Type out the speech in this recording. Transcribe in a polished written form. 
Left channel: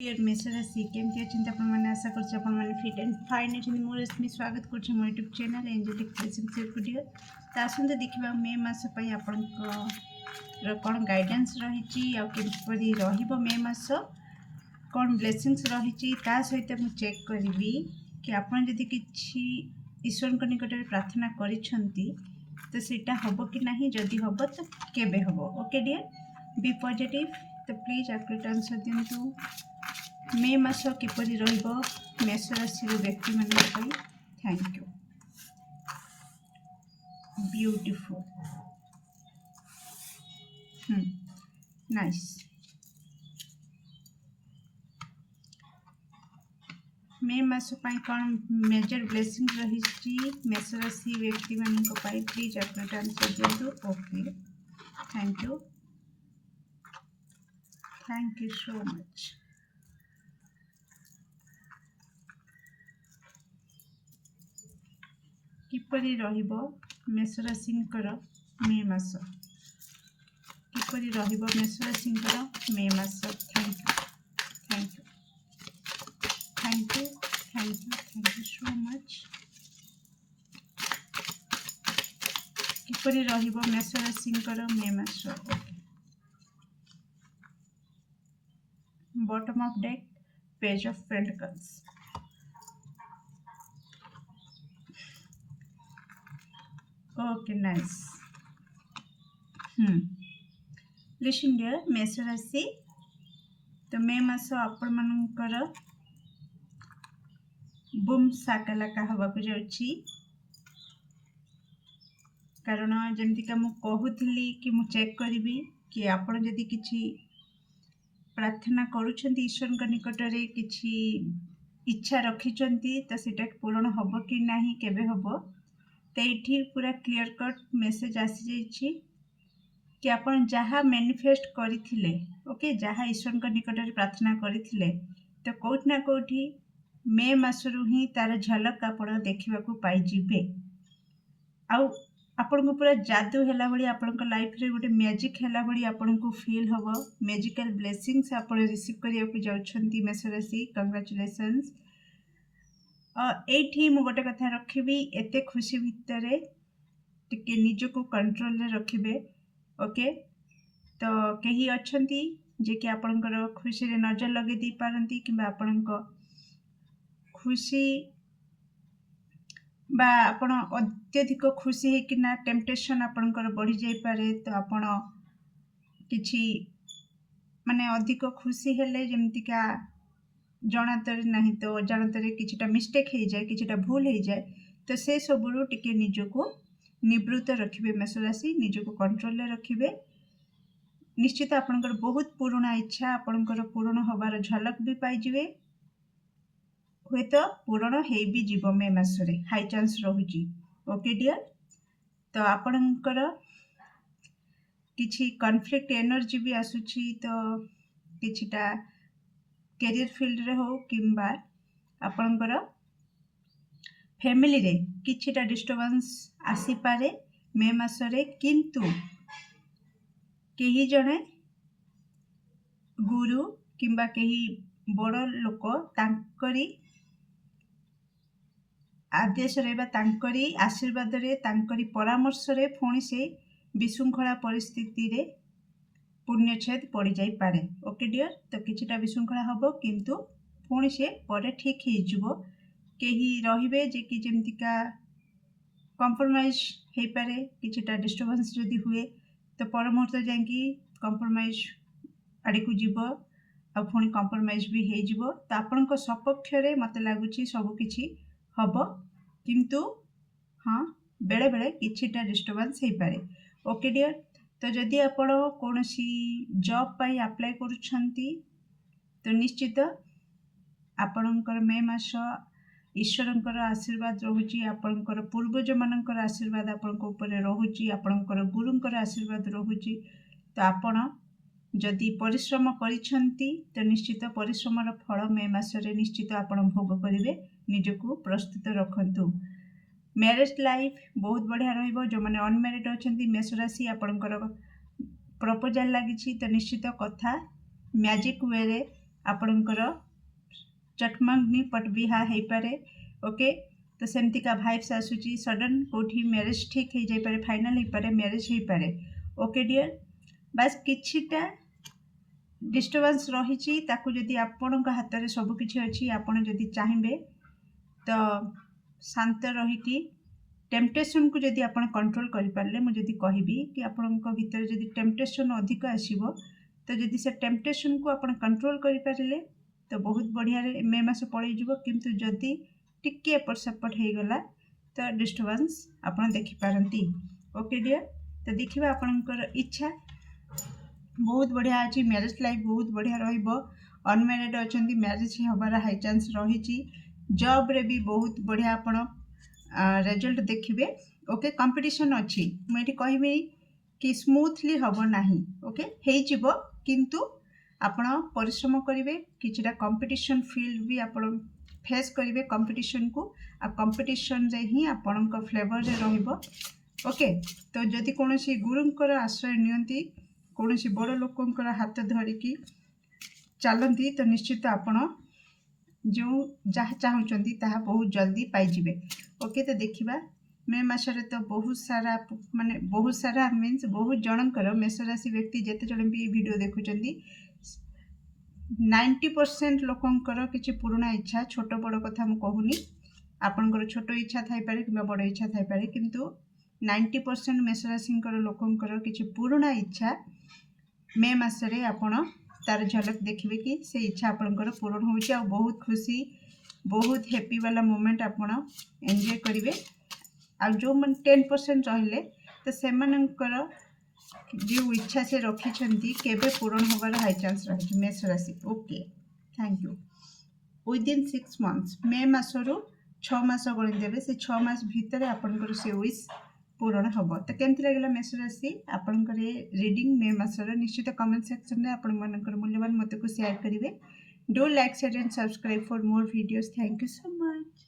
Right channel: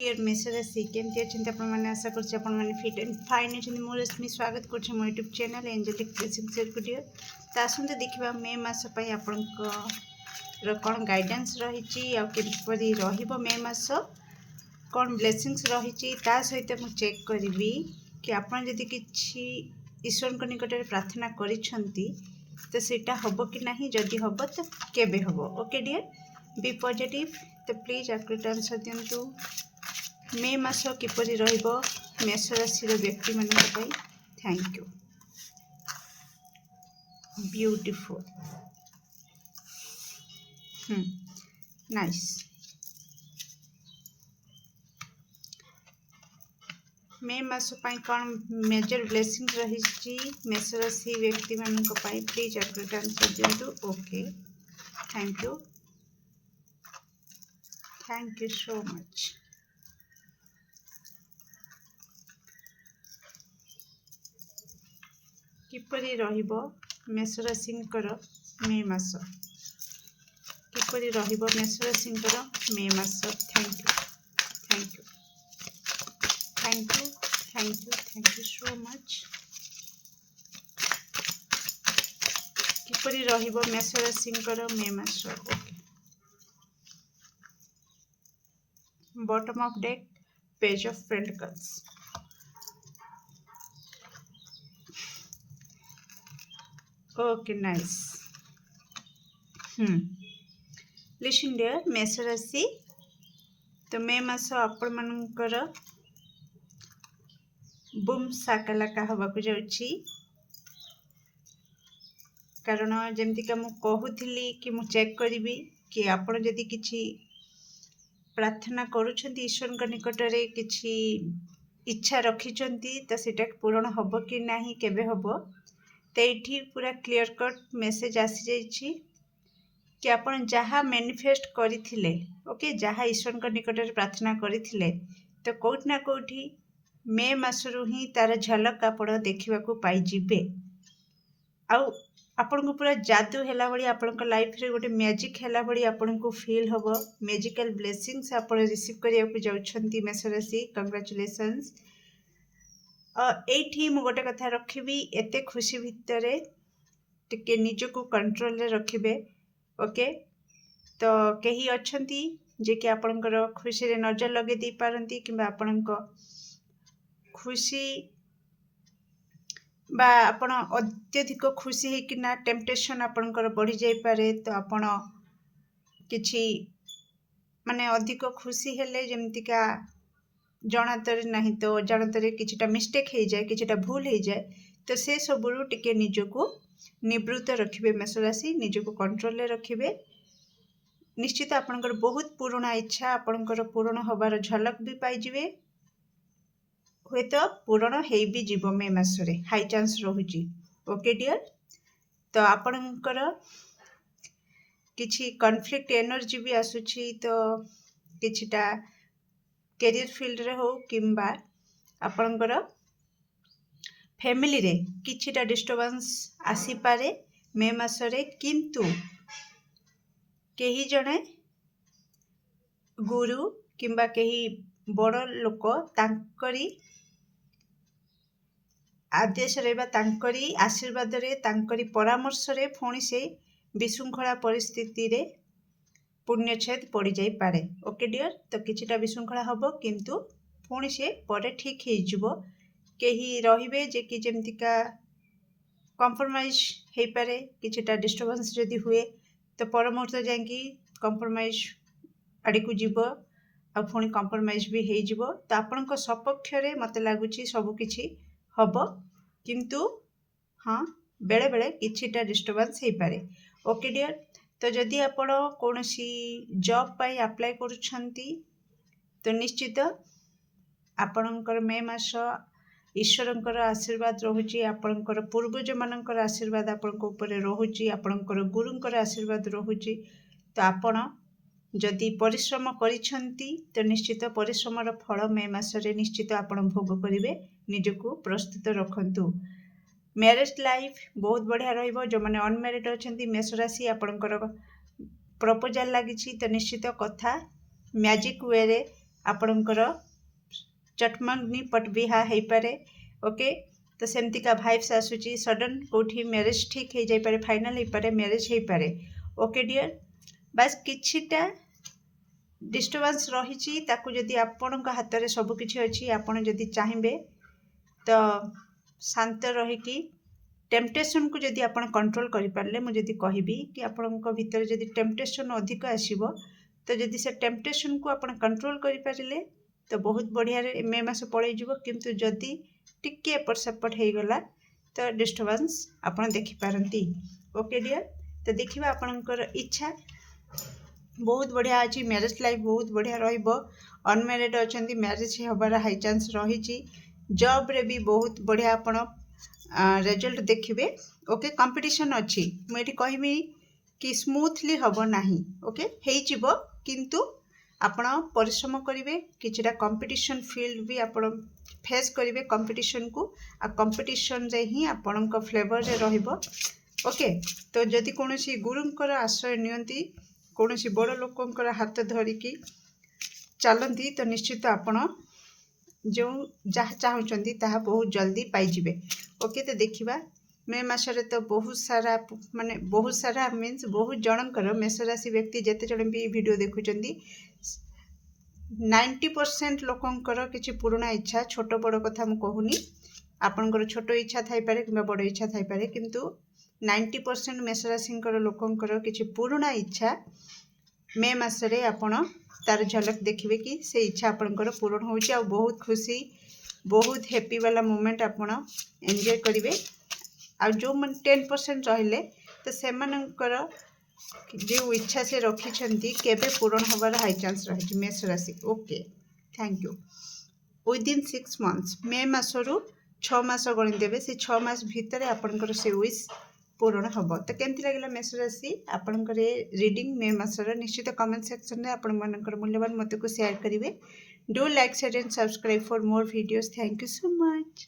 Dear मेष राशि केमती अच्छे आपने आशा कर फिट एंड फाइन अच्छे मो रश्मि स्वागत कर मो YouTube channel angelic blessing share video तो आसते देखा मे मास आपंकर कौन गाइडेंस रही आमपरी मे मास कौन ब्लेसिंग्स रही सहित मुझे चेक करी कि आपड़ जदि किसी ईश्वर निकट में प्रार्थना करिसेंती तो सेटा हम कि नहीं जदि हम तो केबे हम ओके डियर बी पॉजिटिव तो प्लीज एक्यूरेट आंसर दिंतु मे मास किपरि रहिबो मेष राशि व्यक्ति मान thank you beautiful nice May मास कौन मेजर ब्लेसिंग रही मेष राशि व्यक्ति मान प्लीज एक्यूरेट आंसर दिंतु okay thank you so much किपरि रहिबो मेष राशिंकर मे मास किपरि रहिबो मेष राशिंकर मे मास thank you thank you so much किपरि रहिबो मेष राशिंकर मे मास okay bottom of deck page of pentacles okay nice listen dear मेष राशि तो मे मास आपण मानकर बुम साकालाका हवाकू जाउछि कारण जमती मु कहूली कि मु चेक करी कि आपण जदि किछि प्रार्थना करुछंती ईश्वर निकट रे किछि इच्छा रखिछंती तो सेटा पूर्ण हबो कि नाही केबे हबो तो ये पूरा क्लियर कट मेसेज आसी जाइछि कि आपण जहाँ मैनिफेस्ट करथिले ओके जहाँ ईश्वर निकट रे प्रार्थना करथिले तो कोठी ना कोठी मे मासरू ही तार झलक आपण देखा पाई जिबे आपन को पूरा जादू हैला भली आपन लाइफ रे गोटे मैजिक हैला भली आपन को फील हबो मैजिकल ब्लेसिंग्स आपण रिसीव करिया को जाउछंती मेष राशि कांग्रेचुलेशंस एठी मु गोटे कथा रखिबी एते खुशी भितरे टिके निजको कंट्रोल रे रखिबे ओके तो कहीं अच्छंती जे कि आपनकर खुशी रे नजर लगे दी पारंती किबा आपनको खुशी बा आपण अत्यधिक खुशी है कि ना टेम्पटेशन आपनकर बढ़ी जाई पारे तो आपण किछि माने अधिक खुशी हेले जेमतिका जनातर नहीं तो जानतर किछिटा मिस्टेक हो जाए किछिटा भूल हो जाए तो से सबुरु टिके निजको निवृत्त रखिबे मेष राशि निजको कंट्रोल रे रखिबे निश्चित आपनकर बहुत पुराना इच्छा आपनकर पूर्ण होबार झलक भी पाई जिवे हुए तो पूर्ण हे भी जीव मे मासरे हाई चांस रहुची ओके डियर तो आपनकर किछि कॉन्फ्लिक्ट एनर्जी भी आसुची तो किछिटा कैरियर फील्ड रे हो किंबा आपनकर फैमिली रे किछिटा डिस्टर्बेंस आसी पारे मे मासरे किंतु केही जणे गुरु किंबा केही बड़ लोक तांकरी आदेश रे बा तांकरी आशीर्वाद रे तांकरी परामर्श रे फोणी से विशृंखला परिस्थिति रे पुण्यछेद पड़ जाई पारे ओके डियर तो किछिटा विशृंखला हबो किंतु फोणी से परे ठीक हे जिवो केही रहिबे जे कि जेमतिका कॉम्प्रोमाइज हे पारे किछिटा डिस्टर्बेंस जदि हुए तो परमुहूर्त जांकी कॉम्प्रोमाइज आड़ी को जीवो आ पुणी कॉम्प्रोमाइज भी हे जिवो तो आपनक सपक्ष रे मते लागुची सब किछि हबो किंतु हाँ बेले बेले किछिटा डिस्टर्बेंस हे पारे ओके डियर तो जदि आपण कोनोसी जॉब पाई अप्लाई करूछंती तो निश्चित आपणकर मे मास ईश्वरंकर आशीर्वाद रहुची आपणकर पूर्वज मानकर आशीर्वाद आपणक ऊपर रहुची आपणकर गुरुंकर आशीर्वाद रहुची तो आपण जदि परिश्रम करिछंती तो निश्चित परिश्रमर फल मे मासरे निश्चित आपण भोग करिवे निजको प्रस्तुत रखंतु मैरिज लाइफ बहुत बढ़िया रहिबो जो माने अनमैरिड अछंती मेष राशि आपणकर प्रपोजल लागिछि तो निश्चित कथा मैजिक वे रे आपणकर चटमंगनी पट बिहा हो पारे। ओके तो सेमती का भाइब्स आसूची सडन कोठी मैरिज ठीक हो जाई पारे, फाइनल हो पारे, मैरिज हो पारे। ओके डियर बस किछिटा डिस्टर्बेंस रही ताकू जदि आपण हाथ में सबकि अच्छी आपण जदि चाहिए तो शांत रहीकि टेम्पटेशन को जदि आपण कंट्रोल करें, मुझे कहबी कि आपण भीतर जदि टेम्पटेशन अधिक आसो तो जदि से टेम्पटेशन को आपण कंट्रोल करें तो बहुत बढ़िया मे मास पलैज। किंतु जदि टिके एपट सेपट हो गला तो डिस्टर्बेंस आपण देखिपारती। ओके डियर तो देखा आपणकर इच्छा बहुत बढ़िया अच्छी, मैरिज लाइफ बहुत बढ़िया रहिबो। अनमैरिड अच्छा मैरिज हबार हाई चांस रही। जॉब रे भी बहुत बढ़िया आपण रिजल्ट देखिए। ओके कंपटीशन अच्छी मुझे कहबी कि स्मूथली हम ना। ओके हो किंतु आपण परिश्रम करेंगे, किछिटा कंपटीशन फील्ड भी आपण फेस करेंगे कंपटीशन को, आ कंपटीशन रे ही आपण फ्लेवर रे रहिबो। ओके तो जदि कौन गुरुंकर आश्रय नियंती, कौन सी बड़ लोकंकर हाथ धरिकी चलती तो निश्चित आपण जो जहाँ चाहते ताहा बहुत जल्दी पाइबे। ओके तो देखिबा मे मासरे तो बहुत सारा माने बहुत सारा मीन्स बहुत जनकर मेष राशि व्यक्ति जिते जन भी वीडियो देखुंट 90% लोकंकर किसी पुराना इच्छा, छोट बड़ कथा मु कहूनी, आपणकर छोट इच्छा थाई पारे कि बड़ इच्छा थाई पारे, किंतु 90% मेष राशि लोकंकर किसी पुराना इच्छा मे मासरे आपण तार झलक देखिए कि से इच्छा आपणकर पूरण होउची। आ बहुत खुशी बहुत हैप्पी वाला मोमेंट आपण एंजॉय करेंगे। आ जो मन 10% रहिले तो से मानकर जो इच्छा से रखी केबे पूरण होबार हाई चांस रही मेष राशि। Okay thank you. Within 6 months May मासरू 6 मास गणिदेवे, से 6 मास भितर आपणकर से विश पूरण हम। तो केमती लगे मेष राशि आपणकर रीडिंग मे मासर निश्चित कमेंट सेक्शन में आपण मानकर मूल्यवान मत को शेयर करेंगे। Do like share and subscribe for more videos. Thank you so much.